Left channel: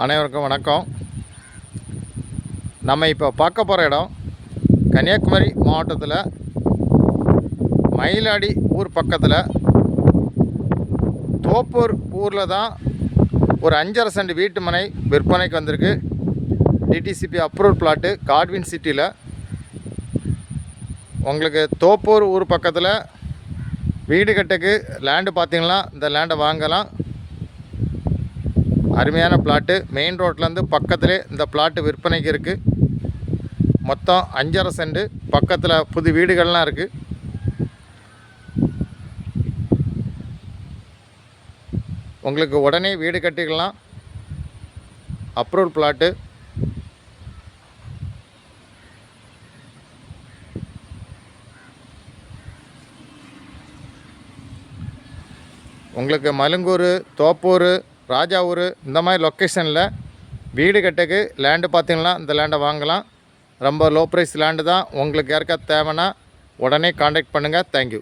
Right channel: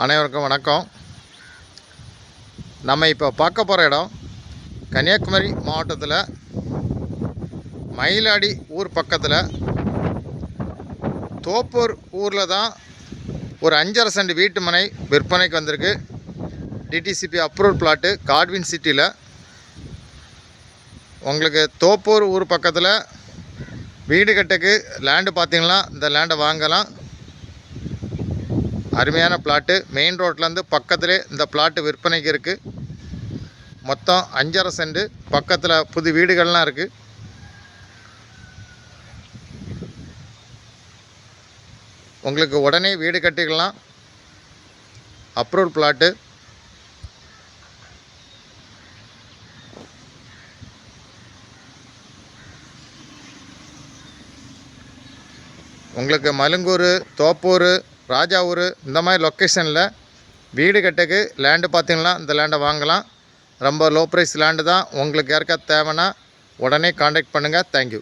அனைவருக்கும் வணக்கம். நம்ம இப்போ பார்க்க போகிற இடம் கன்னியாகுமரி மாவட்டத்தில் மயிலாடி ஊர் பக்கத்தில் தோப்பூர் ஊரில் தான் ஒரு 5.5 சென்ட் வீட்டு மனை விற்பனைக்கு வந்திருக்கு. டிடிசிபி அப்ரூவல் பிளாட்டு காட்வின் சிட்டியில். உங்களுக்கு தோப்பூர் ஊர் பக்கத்தில் வீடு கட்டுக்கு லேண்டு பார்த்தீங்கன்னா இந்த லேண்டை வாங்கலாம். அருமையான பிளாட்டு. மெயின் ரோட்லேருந்து பக்கத்திலே இந்த பிளாட்டு விற்பனைக்கு இருக்குது. மொத்தம் 5.5 சென்ட். பக்கத்தில் புது வீடுகள்லாம் இருக்குது. உங்களுக்கு உடனே வீடு கட்டிக்கலாம். Approval plot. உங்களுக்கு மலுங்கூர், தோப்பூர், ராஜாவூர் இந்த மாதிரி லொக்கேஷனில் வீடு கட்டுக்கு லேண்டு பார்த்திங்கன்னா இந்த லேண்டை வாங்கலாம். ரொம்ப லோ ப்ரைஸ் லேண்டு தான். உங்களுக்கு யாருக்காவது தேவைன்னா உடனே காண்டாக்ட் பண்ணுங்கள். தேங்க்யூ.